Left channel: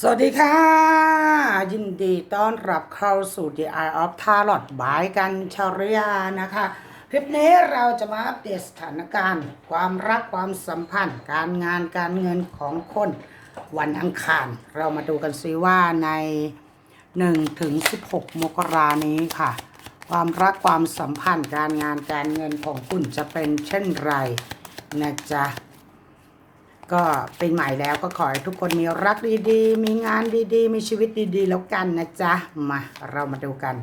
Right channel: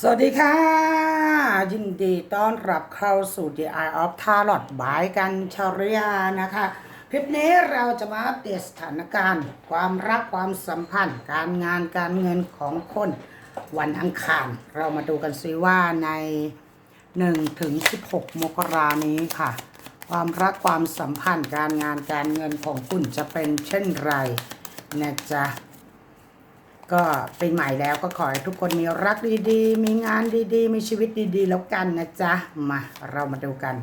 สวัสดีค่ะ ยินดีต้อนรับเข้าสู่ The Eye of Tarot บายกันชริยานะคะ คลิปนี้เราจะมาอัปเดตสถานการณ์ ความรักความสัมพันธ์ การงานการเงินของคนวันอังคาร เรามาดูกันซิว่าใน 1 ถึง 16 มกรานี้ค่ะ ความรักความสัมพันธ์การงานการเงินของคุณจะเป็นเช่นไรนะจ๊ะ ก็ปีใหม่แล้วก็ขอให้ทุกคนมีรักดีๆ มีงานดีๆ มีชีวิตดีๆ แล้วกันนะจ๊ะ มาเรามาดูกัน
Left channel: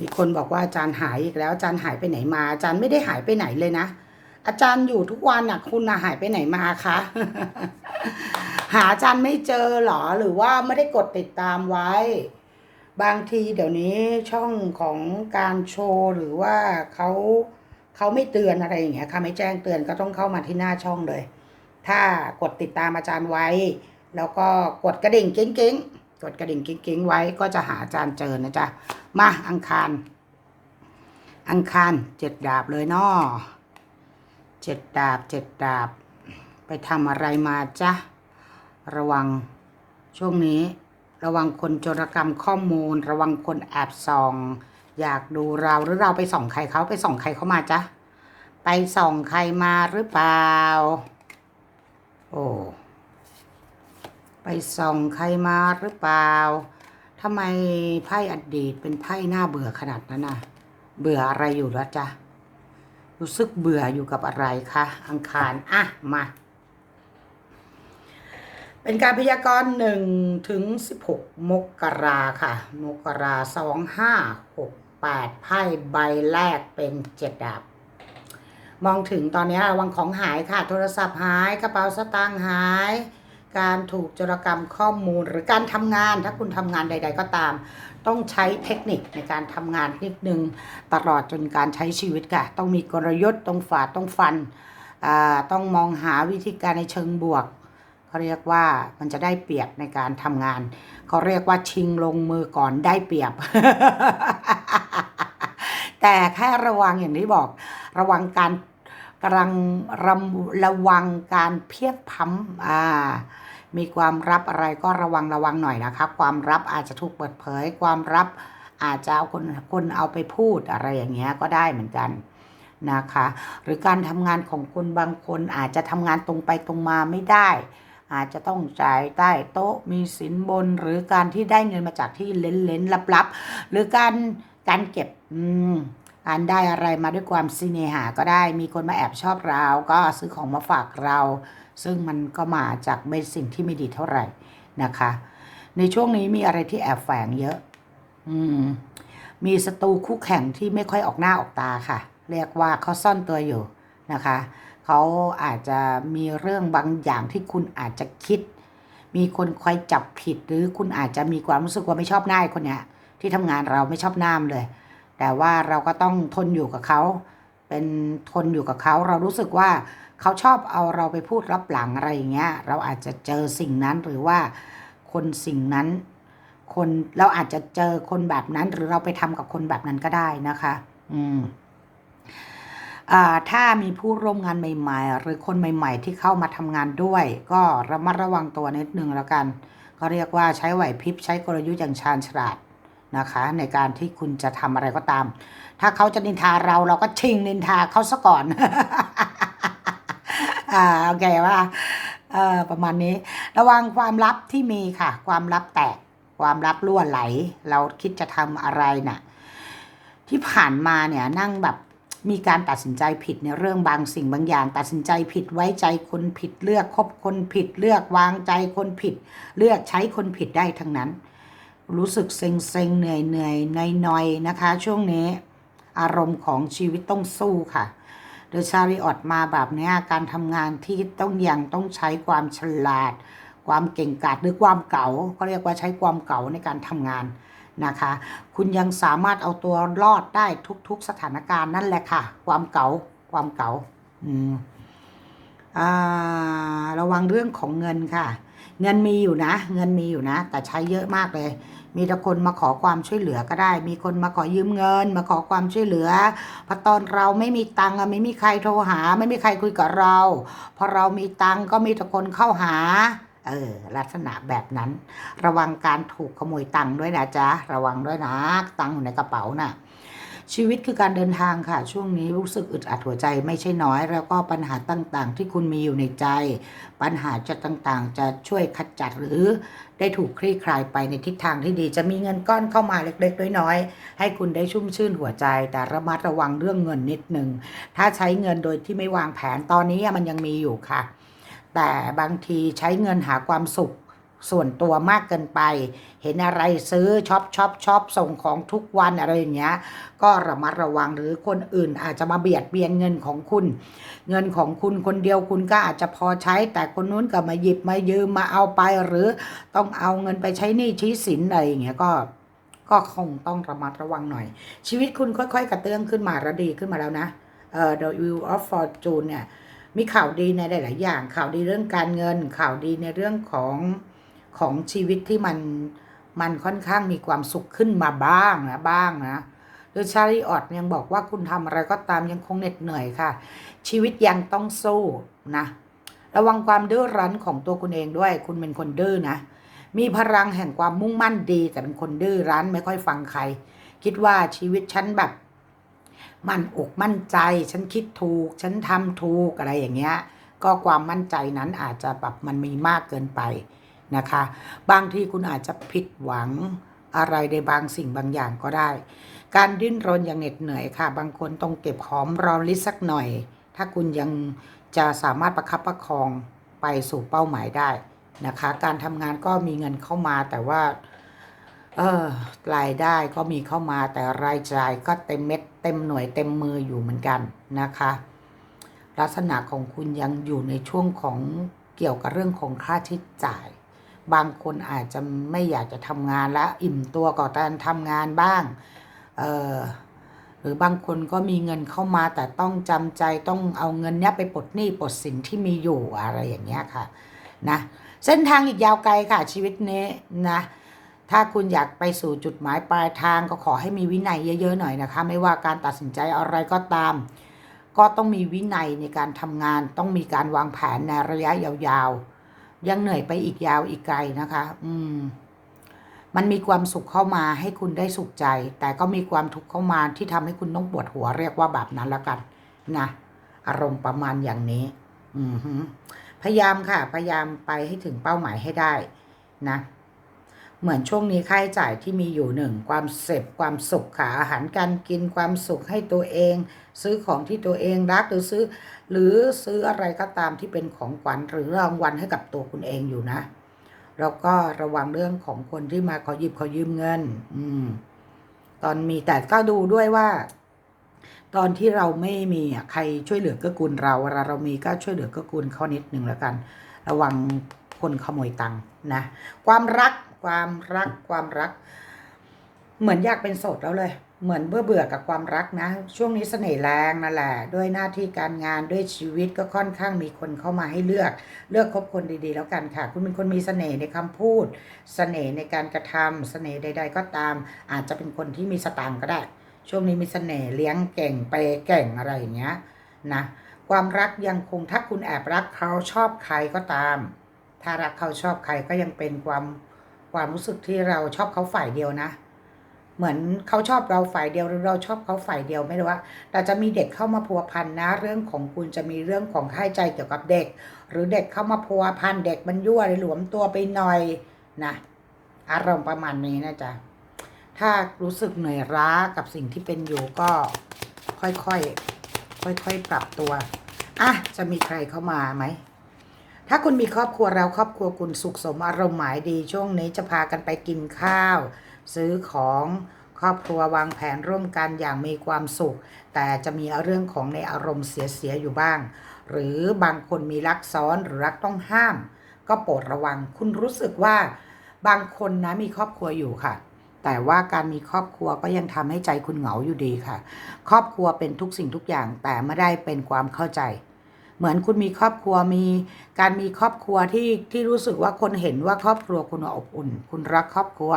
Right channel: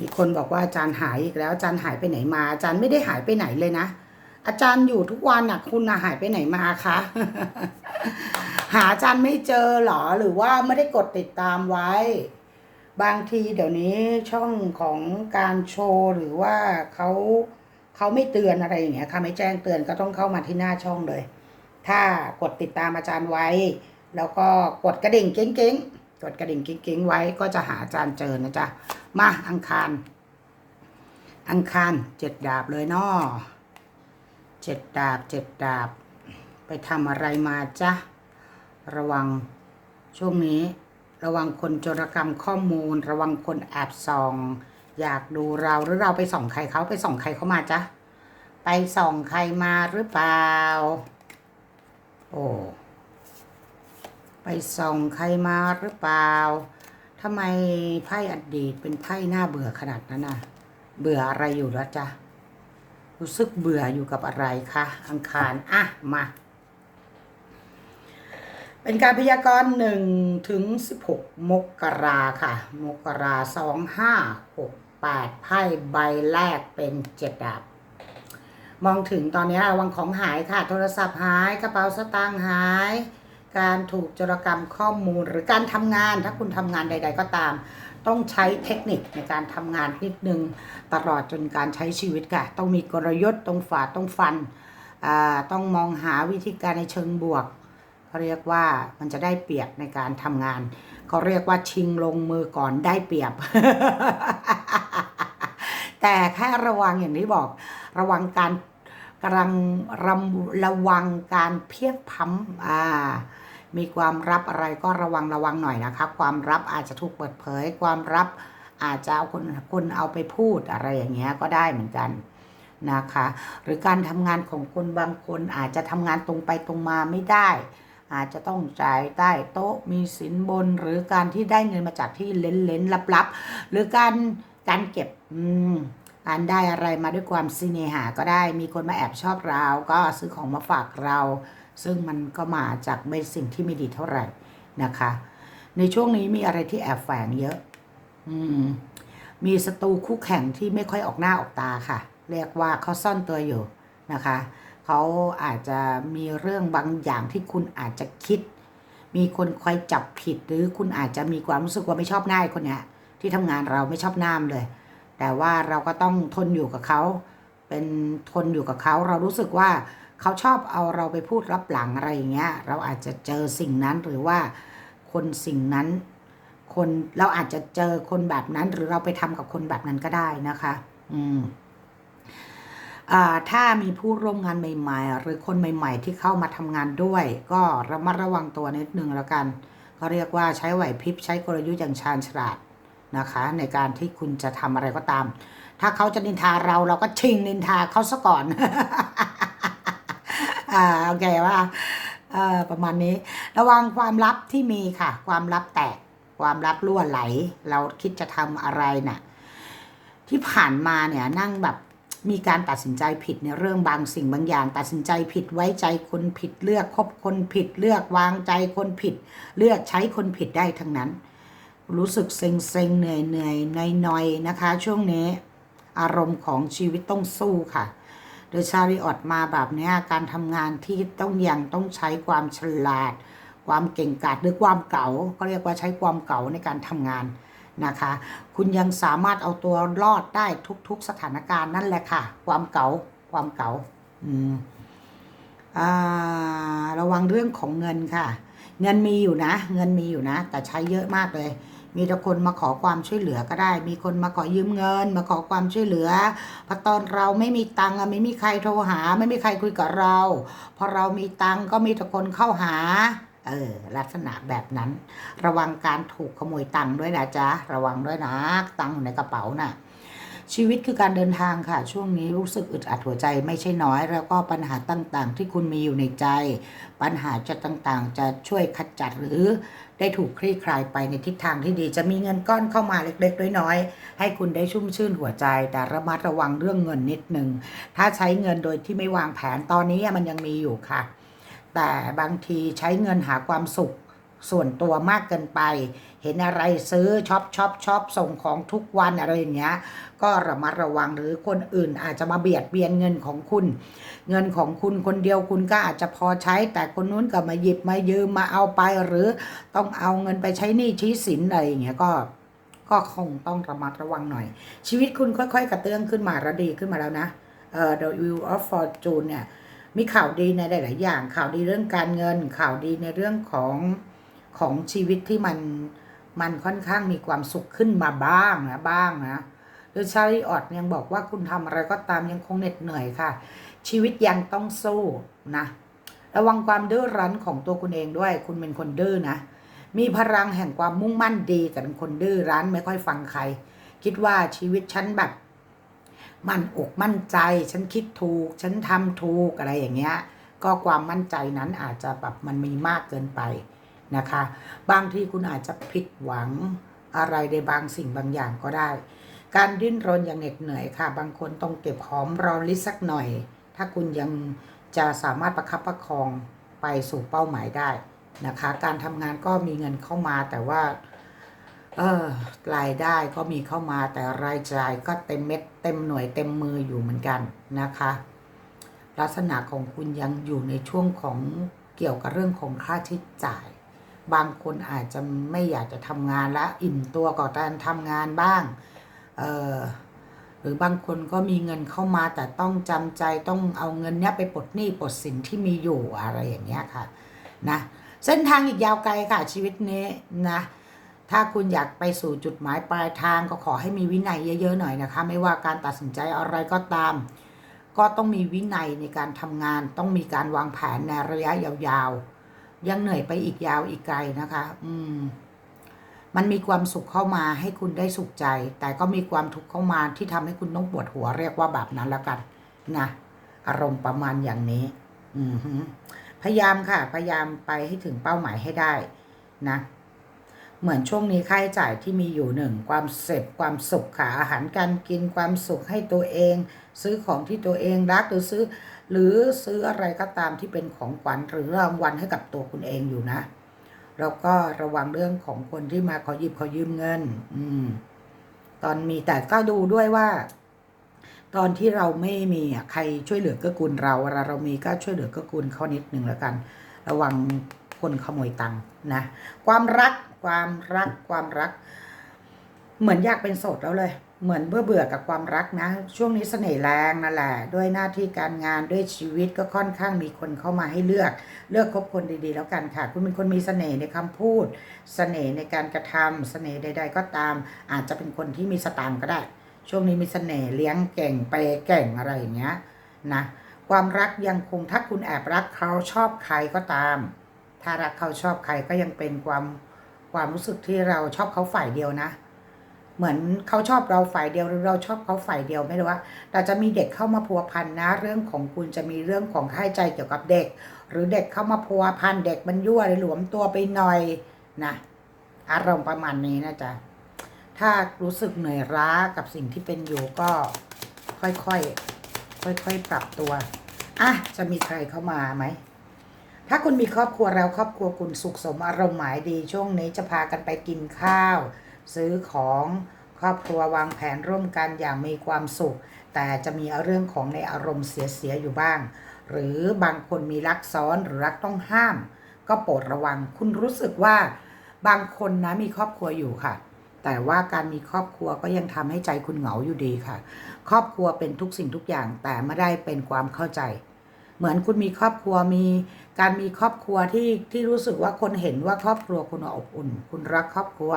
มีคนบอกว่าอาจารย์หายอีกแล้วอาจารย์หายไปไหนมา อาจารย์ไม่ได้หายไปไหนเลยนะ อาจารย์อยู่ทุกวันนะคุณนะหายไปไหนมาคะ หาอาจารย์ไม่เจอหรอหรือว่าไม่ได้กดติดตามไว้ บางทีเดี๋ยวนี้ช่องของการโชว์หรือว่าเขาเขาไม่เตือนอะไรอย่างเงี้ยค่ะไม่แจ้งเตือนก็ต้องเข้ามาที่หน้าช่องเลย ถ้ากดติดตามอาจารย์ไว้ แล้วก็กดกระดิ่งเก้งๆ กดกระดิ่งเก้งๆไว้ก็จะหาอาจารย์เจอนะจ๊ะ มาอังคาร อังคารเจ็ดดาบเลยเนาะเจ็ดดาบเจ็ดดาบ ไปทำอะไรมาจ๊ะ ระวังช่วงนี้ ระวังคนโจรกรรมข้อมูล ระวังคนแอบส่อง อยากดูเราหรือเราไปส่องใครเขาไปส่องใครเขามาจ๊ะ ไปส่องใครมาหรือเปล่า โอ้ไปส่องใครมาหรือเปล่าทำไมไพ่อดีตเป็นไพ่หน้าเบื่อขนาดนั้นน่ะ เบื่ออะไรอยู่แล้วจ๊ะ รู้สึกเบื่ออยู่กับอะไรคะอังคารอะมา เป็นการพยากรณ์หนึ่งถึงสิบหกมกราค่ะ มกราสองห้าหกแปดไพ่ใบแรกเป็นเจ็ดดาบ มองถึงตอนนี้ระวังของหายค่ะ โทรศัพท์หาย กระเป๋าสตางค์หาย การถูกจรกรรมข้อมูลหรือการทำงาน ถ้าคุณทำงานใด ๆ ก็ตาม ต้องใช้เทคนิคในการทำงานนิดนึงตลอดจนการใช้ชีวิตค่ะ ต้องมีกลยุทธ์ต้องฝาต้องฟันอ่าต้องมองหาวิธีการในเชิงบวกเขาเรียกว่ามันจะได้เปรียบในการทำงานเขาเรียกว่าชิงลงมือก่อนได้เปรียบ แต่แค่ระวังอย่างที่บอก ระวังการกำลังรำระวังการเพียรพัมอ่ามีความลับอะไรก็ระวังระวังหน่อยนะคะ ความลับอาจจะถูกเปิดเผย ความลับอาจจะเอาคนคนเอาไปพูดอะไรอย่างเงี้ยก็ได้เหมือนกันนะคะ หรือการทำงานของคนบางคนอาจจะทำงานตรงไปตรงมาไม่ได้ อาจจะต้องจ่ายใต้โต๊ะมีสินบน หรือการที่ได้เงินมาจากที่เล้นๆลับๆหรือการการเก็บอืม การได้อะไรมาด้วยความสิเนหาก็ได้ มีคนมาแอบชอบเรา ก็ซื้อของมาฝากเรา ซึ่งมันก็มาจากไม่สิ่งที่ไม่ดีเท่าไหร่นะคะ ในช่วงนี้มีอะไรที่แอบแฝงเยอะ อืม มีศัตรูคู่แข่งที่ไม่ค่อยออกหน้าออกตาค่ะ เรียกว่าเขาซ่อนตัวอยู่นะคะ เขาอาจจะมีเรื่องบางอย่างที่คุณอาจจะคิด มีคนคอยจับผิดหรือคุณอาจจะมีความรู้สึกว่าไม่ชอบหน้าคนเนี้ยที่ทำงานเราไม่ชอบหน้ามเลย แต่ว่าเราก็ต้องทนอยู่กับเขา เป็นทนอยู่กับเขา เรารู้สึกว่าเขาชอบเอาเราไปพูดรับหลังอะไรอย่างเงี้ย เราอาจจะเจอสิ่งนั้นหรือว่าคนสิ่งนั้น คนเราอาจจะเจอคนแบบนั้น หรือเราไปทำกับคนแบบนั้นก็ได้นะคะ อืมอ่าถ้ามีผู้ร่วมงานใหม่ ๆ หรือคนใหม่ ๆ ที่เข้ามาทำงานด้วย ก็ระมัดระวังตัวนิดนึงแล้วกันเขาเรียกว่าใช้ไหวพริบใช้กลยุทธ์อย่างชาญฉลาด นะคะ ในการที่คุณจะทำอะไรก็ตาม ถ้าเขาจะนินทาเราเราก็ชิงนินทาเขาซะก่อน อ่าโอเคว่าประมาณนี้ ระวังความลับที่มีค่ะ ความลับแตก ความลับรั่วไหล เราคิดจะทำอะไรน่ะ ที่ผ่านมาเนี่ยนั่งแบบมีการตัดสินใจผิดในเรื่องบางสิ่งบางอย่าง ตัดสินใจผิดไว้ใจคนผิดเลือกคบคนผิดเลือกวางใจคนผิด เลือกใช้คนผิดได้ทั้งนั้น รู้สึกเซ็งเซ็งเหนื่อยเหนื่อยนอยนอยนะคะ ช่วงนี้อารมณ์ของชีวิตต้องสู้ค่ะ โดยชาริออดมาแบบนี้การทำงานที่ต้องยังต้องใช้ความฉลาด ความเก่งกาจหรือความเก๋าก็เรียกว่าใช้ความเก๋าในการทำงานนะคะ คุณยังสามารถเอาตัวรอดได้ทุก ๆ สถานการณ์นั่นแหละค่ะ ความเก๋าความเก๋าอืมอ่าระวังเรื่องของเงินค่ะ เงินมีอยู่นะ เงินมีอยู่นะ แต่ใช้เยอะมากเลย มีแต่คนมาขอความช่วยเหลือก็ได้ มีคนมาขอยืมเงิน มาขอความช่วยเหลือพอตอนเราไม่มีตังค์ไม่มีใครโทรหา ไม่มีใครคุยกับเรา พอเรามีตังค์ก็มีแต่คนเข้าหาเออลักษณะแบบนั้น ระวังการถูกขโมยตังค์ด้วยนะจ๊ะ ระวังด้วยนะตังค์อยู่ในกระเป๋าน่ะชีวิตคือการเดินทางค่ะ ช่วงนี้รู้สึกอึดอัดหัวใจไม่ใช่น้อย แล้วก็ปัญหาต่างๆ ที่คุณมีอยู่ในใจ ปัญหาจะต่างๆ จะช่วยขจัดหรือ ได้ถูกคลี่คลายไปในทิศทางที่ดี จะมีเงินก้อนเข้ามาเล็กๆน้อยๆให้คุณได้ชุ่มชื่นหัวใจ แต่ระมัดระวังเรื่องเงินนิดหนึ่งถ้าใช้เงินโดยที่ไม่วางแผนตอนนี้มันยังมีอยู่ค่ะ แต่บางทีใช้เงินหาความสุขส่วนตัวมากเกินไป เห็นอะไรซื้อช็อปช็อปช็อปส่งของทุกวันอะไรอย่างเงี้ย ก็ระมัดระวังหรือคนอื่นอาจจะมาเบียดเบียนเงินของคุณ เงินของคุณคนเดียวคุณก็อาจจะพอใช้ แต่คนนู้นก็มาหยิบมายืมมาเอาไปหรือต้องเอาเงินไปใช้หนี้ชี้สินอะไรอย่างเงี้ยก็ก็คงต้องระมัดระวังหน่อย ชีวิตคุณค่อยๆ กระเตื้องขึ้นมาระดีขึ้นมาแล้วนะเอ่อ The Wheel of Fortune เนี่ยมีข่าวดีในหลาย ๆ อย่าง ข่าวดีเรื่องการเงิน ข่าวดีในเรื่องของของชีวิตที่มัน มันค่อนข้างมีความสุขขึ้นมาบ้างนะบ้างนะโดยชาริออดยังบอกว่าคุณทำอะไรก็ตามยังคงเหน็ดเหนื่อยค่ะ ชีวิตยังต้องสู้นะ ระวังความดื้อรั้นของตัวคุณเองด้วย คุณเป็นคนดื้อนะ มีพลังแห่งความมุ่งมั่นดีแต่เป็นคนดื้อรั้นไม่ค่อยฟังใคร คิดว่าชีวิตฉันแบบมั่นอกมั่นใจ ฉันคิดถูก ฉันทำถูกอะไรอย่างเงี้ย ก็ความมั่นใจนั้นอาจจะแบบมันมีมากเกินไป นะคะ บางทีคุณอาจจะผิดหวังอะไรในบางสิ่งบางอย่างก็ได้ การดิ้นรนอย่างเหน็ดเหนื่อยค่ะ บางคนต้องเก็บหอมรอมริสักหน่อย ถ้าคุณยังจะสามารถประคับประคองไปสู่เป้าหมายได้นะคะ การทำงานก็มีเงินเข้ามาแต่ว่าเออรายได้ก็มีเข้ามาแต่รายจ่ายก็เต็มเม็ดเต็มหน่วยเต็มมืออยู่เหมือนกันนะคะ ลักษณะของคุณยังอยู่ในช่วงของเกี่ยวกับเรื่องของค่าใช้จ่าย บางคนอาจจะไม่อยากจะทำงานและอิ่มตัวกับการทำงานบ้างหรือบางคนก็มีเงินเข้ามาแต่ต้องจำใจต้องเอาเงินเนี้ยไปปลดหนี้ปลดสินที่มีอยู่อะไรอย่างเงี้ยค่ะนะเส้นทางอีกยาวไกลค่ะชีวิตนี้นะถ้าคุณอยากไปสู่จุดหมายปลายทางก็ขอให้มีวินัยเยอะๆหน่อยนะคะ ไม่ว่าการตัดสินใจอะไรก็ตาม ก็ต้องมีวินัยในการทำงาน ต้องมีการวางแผนในระยะยาวๆ ยังเหนื่อยไปอีกยาวอีกไกลนะคะ อืม มันมีความสุขเข้ามาให้คุณได้สุขใจ แต่ก็มีความทุกข์เข้ามาที่ทำให้คุณต้องปวดหัวเรียกว่าแบบนั้นแล้วกันนะอารมณ์ประมาณอย่างนี้ อือฮึพยายามค่ะ พยายามไปให้ถึงเป้าหมายให้ได้ นะ เหมือนช่วงนี้ค่าใช้จ่ายที่มีอยู่หนึ่งความเสพความสุขค่ะอาหารการกินความสุขให้ตัวเอง ซื้อของที่ตัวเองรักหรือซื้อ หรือซื้ออะไรก็ตามที่เป็นของขวัญหรือรางวัลให้กับตัวคุณเองอยู่นะแล้วก็ระวังเรื่องของคนที่มาขอหยิบขอยืมเงิน อืม ตอนมีแต่ก็ดูด้วยว่า ตอนที่เราไม่มีอะใครช่วยเหลือกื้อกูลเราเวลาเรามีก็ช่วยเหลือกื้อกูลเขานิดหนึ่งแล้วกัน ระวังคนขโมยตังค์นะความรักความรักความรัก เหมือนอยากเป็นโสดแล้วเลย เหมือนเบื่อเบื่อกับความรักนะ ช่วงนี้เสน่ห์แรงนั่นแหละ ด้วยหน้าที่การงานด้วยชีวิตก็ค่อนข้างมีคนเข้ามาให้เลือก เลือกคบคนดีๆ แล้วกันค่ะ คุณเป็นคนมีเสน่ห์ในคำพูด เสน่ห์ในการกระทำเสน่ห์ใด ๆ ก็ตาม อาจจะเป็นคนที่มีสตางค์ก็ได้ ช่วงนี้มีเสน่ห์เลี้ยงเก่งเปย์เก่งอะไรอย่างเงี้ยนะความรักยังคงถ้าคุณแอบรักเขาชอบใครก็ตาม ถ้ารักเขาชอบใครก็ยังเป็นความความรู้สึกที่เราชอบเขาฝ่ายเดียวนะ เหมือนเขาชอบเราฝ่ายเดียวหรือเราชอบเขาฝ่ายเดียวไม่รู้ว่าแต่จะมีเด็กเข้ามาพัวพันนะ เรื่องของคุณจะมีเรื่องของค่าใจเกี่ยวกับเด็ก หรือเด็กเข้ามาพัวพันเด็กมันยั่วหรือหลวมตัวไปหน่อยนะอารมณ์ประมาณนี้นะจ๊ะถ้ารู้สึกเหนื่อยล้ากับสิ่งที่เป็นอยู่ก็ค่อยๆค่อยๆปรับตัวอะจะมีใครเข้ามาไหมถ้าคุณมีครอบครัวเราครอบครัวคุณสุขสมอารมณ์หมายดี ช่วงนี้จะพากันไปกินข้าว ซื้อของครอบครัววางแผนร่วมกันอย่างมีความสุข แต่จะมีเรื่องของในอารมณ์เสียๆอยู่บ้าง หรือบางคนมีรักซ้อนหรือรักต้องห้าม ก็โปรดระวัง คุณรู้สึกว่าบางคนนะมีครอบครัวอยู่ค่ะ แต่ว่าการมีครอบครัวก็ยังทำให้ใจคุณเหงาอยู่ดีค่ะ ครอบครัวเป็นทุกสิ่งทุกอย่างแต่ไม่ได้เป็นความเข้าใจ เหมือนคุณมีครอบครัวมี การมีครอบครัวที่ที่รู้สึกว่าคนเห็นว่าครอบครัวคุณอบอุ่น คุณรักครอบครัว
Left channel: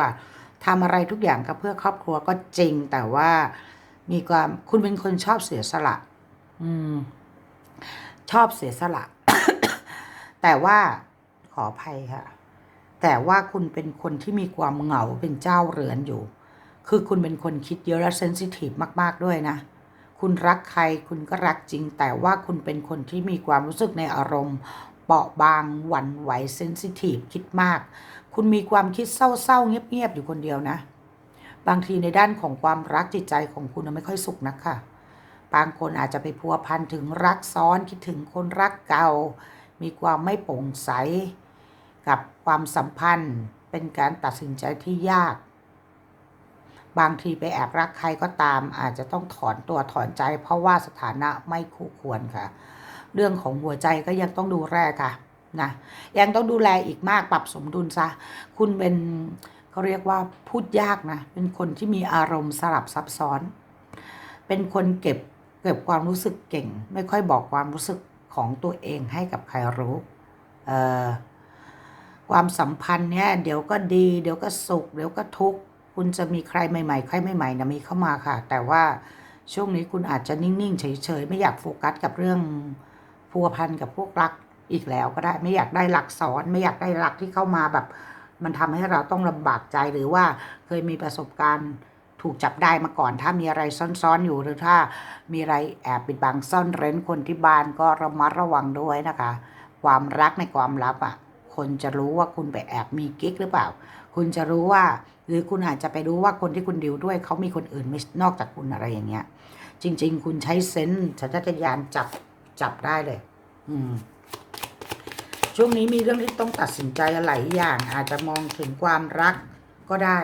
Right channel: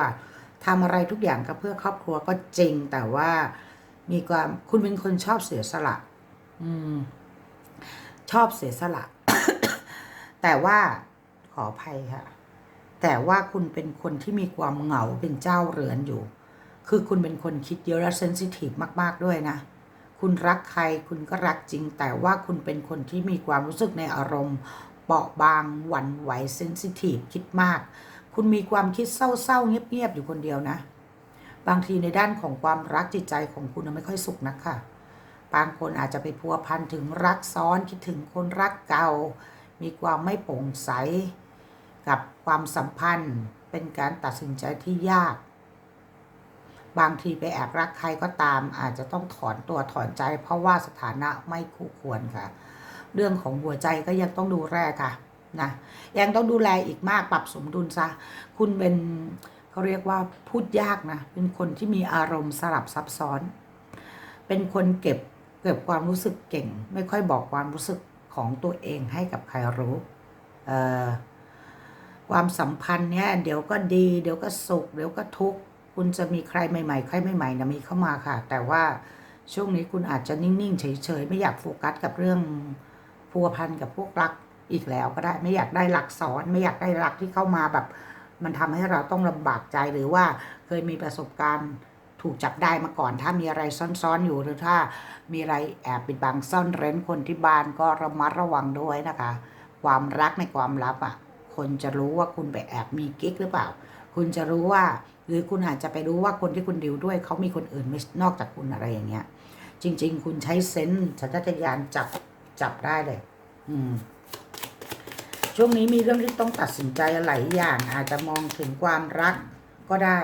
ทำอะไรทุกอย่างก็เพื่อครอบครัวก็จริง แต่ว่ามีความคุณเป็นคนชอบเสียสละ อืม ชอบเสียสละ แต่ว่าขออภัยค่ะ แต่ว่าคุณเป็นคนที่มีความเหงาเป็นเจ้าเรือนอยู่ คือคุณเป็นคนคิดเยอะและเซนซิทีฟมาก ๆ ด้วยนะคุณรักใครคุณก็รักจริง แต่ว่าคุณเป็นคนที่มีความรู้สึกในอารมณ์ เปราะบางหวั่นไหวเซนซิทีฟคิดมาก คุณมีความคิดเศร้าๆเงียบๆอยู่คนเดียวนะ บางทีในด้านของความรักจิตใจของคุณไม่ค่อยสุขนักค่ะ บางคนอาจจะไปพัวพันถึงรักซ้อนคิดถึงคนรักเก่า มีความไม่โปร่งใส กับความสัมพันธ์เป็นการตัดสินใจที่ยาก บางทีไปแอบรักใครก็ตาม อาจจะต้องถอนตัวถอนใจ เพราะว่าสถานะไม่คู่ควรค่ะ เรื่องของหัวใจก็ยังต้องดูแลค่ะ นะยังต้องดูแลอีกมากปรับสมดุลซะ คุณเป็นเขาเรียกว่าพูดยากนะ เป็นคนที่มีอารมณ์สลับซับซ้อน เป็นคนเก็บเก็บความรู้สึกเก่ง ไม่ค่อยบอกความรู้สึกของตัวเองให้กับใครรู้ความสัมพันธ์เนี้ยเดี๋ยวก็ดี เดี๋ยวก็สุข เดี๋ยวก็ทุกข์คุณจะมีใครใหม่ๆใครใหม่ๆนะมีเข้ามาค่ะ แต่ว่าช่วงนี้คุณอาจจะนิ่งๆเฉยๆไม่อยากโฟกัสกับเรื่องพัวพันกับพวกรัก อีกแล้วก็ได้ไม่อยากได้รักซ้อนไม่อยากได้รักที่เข้ามาแบบ มันทำให้เราต้องลำบากใจหรือว่าเคยมีประสบการณ์ถูกจับได้มาก่อน ถ้ามีอะไรซ่อนๆอยู่หรือถ้ามีอะไรแอบปิดบังซ่อนเร้นคนที่บ้านก็ระมัดระวังด้วยนะคะ ความรักในความลับอะคนจะรู้ว่าคุณไปแอบมีกิ๊กหรือเปล่า คุณจะรู้ว่า หรือคุณอาจจะไปรู้ว่าคนที่คุณดิวด้วยเขามีคนอื่นไม่นอกจากคุณอะไรอย่างเงี้ย จริง ๆ คุณใช้เซนส์สัญชาตญาณจับจับได้เลย อืม ช่วงนี้มีเรื่องที่ต้องตัดสินใจหลายอย่าง อาจจะมองถึงความรักก็ได้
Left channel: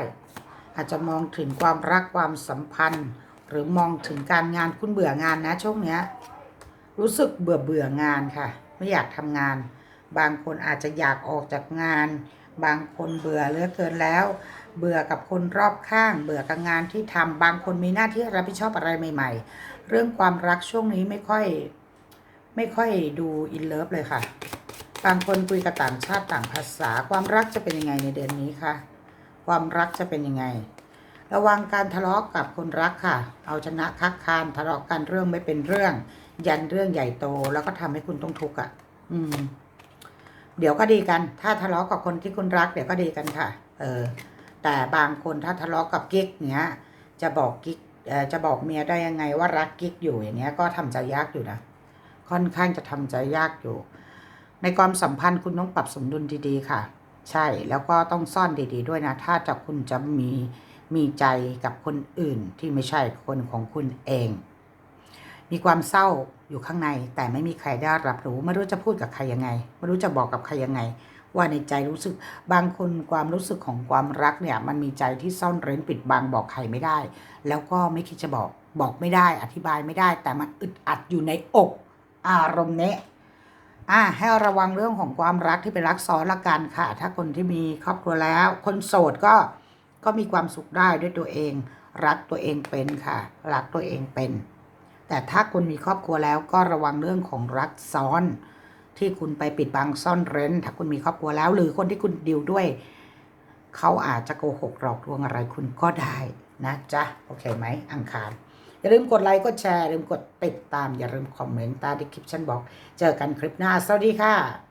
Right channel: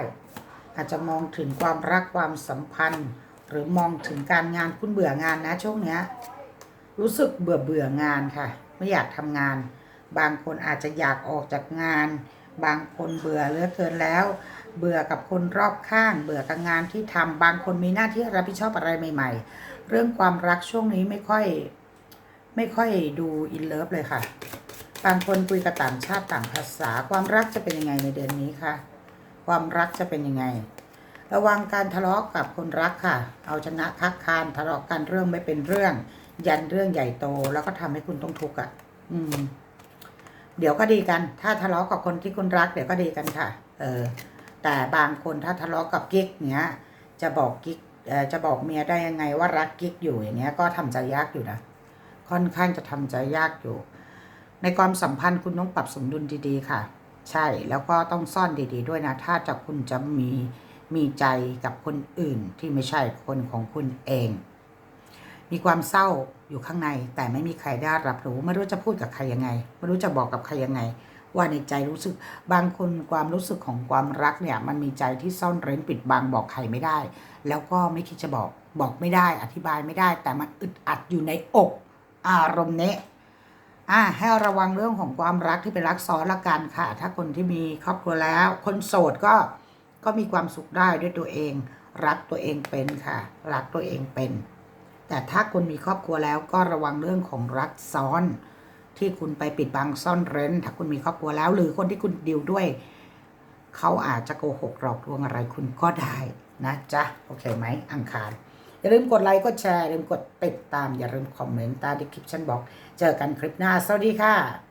อาจจะมองถึงความรักความสัมพันธ์ หรือมองถึงการงานคุณเบื่องานนะช่วงเนี้ยรู้สึกเบื่อเบื่องานค่ะ ไม่อยากทำงาน บางคนอาจจะอยากออกจากงาน บางคนเบื่อเหลือเกินแล้ว เบื่อกับคนรอบข้าง เบื่อกับงานที่ทำบางคนมีหน้าที่รับผิดชอบอะไรใหม่ ๆ เรื่องความรักช่วงนี้ไม่ค่อย ไม่ค่อยดูอินเลิฟเลยค่ะ บางคนคุยกับต่างชาติต่างภาษา ความรักจะเป็นยังไงในเดือนนี้คะความรักจะเป็นยังไง ระวังการทะเลาะกับคนรักค่ะ เอาชนะคักคานทะเลาะกันเรื่องไม่เป็นเรื่อง ยันเรื่องใหญ่โตแล้วก็ทำให้คุณต้องทุกข์อะ อืม เดี๋ยวก็ดีกัน ถ้าทะเลาะกับคนที่คุณรักเดี๋ยวก็ดีกันค่ะ เออ แต่บางคนถ้าทะเลาะกับกิ๊กเนี้ย จะบอกกิ๊กจะบอกเมียได้ยังไงว่ารักกิ๊กอยู่อย่างเนี้ยก็ทำใจยากอยู่นะค่อนข้างจะทำใจยากอยู่ ในความสัมพันธ์คุณต้องปรับสมดุลดีๆค่ะ ใช่แล้วก็ต้องซ่อนดีๆด้วยนะ ถ้าจะคุณจะมีมีใจกับคนอื่นที่ไม่ใช่คนของคุณเอง มีความเศร้าอยู่ข้างในแต่ไม่มีใครได้รับรู้ ไม่รู้จะพูดกับใครยังไง ไม่รู้จะบอกกับใครยังไง ว่าในใจรู้สึกบางคนความรู้สึกของความรักเนี่ย มันมีใจที่ซ่อนเร้นปิดบังบอกใครไม่ได้ แล้วก็ไม่คิดจะบอกบอกไม่ได้อธิบายไม่ได้ แต่มันอึดอัดอยู่ในอก อารมณ์เนี้ อ่าให้ระวังเรื่องของความรักที่เป็นรักซ้อนละกันค่ะ ถ้าคนที่มีครอบครัวแล้ว คนโสดก็ก็มีความสุขได้ด้วยตัวเอง รักตัวเองเป็นค่ะ รักตัวเองเป็น แต่ถ้าคุณมีครอบครัวแล้วก็ระวังเรื่องของรักซ้อน ที่คุณไปปิดบังซ่อนเร้น ถ้าคุณมีครอบครัวแล้ว หรือคนที่คุณดิวด้วย เขาอาจจะโกหกหลอกลวงอะไรคุณก็ได้นะจ๊ะโอเคไหมอังคาร อย่าลืมกดไลค์กดแชร์อย่าลืมกดติดตามอย่าลืมคอมเมนต์ใต้ดีคลิปฉันบอก เจอกันคลิปหน้า สวัสดีค่ะ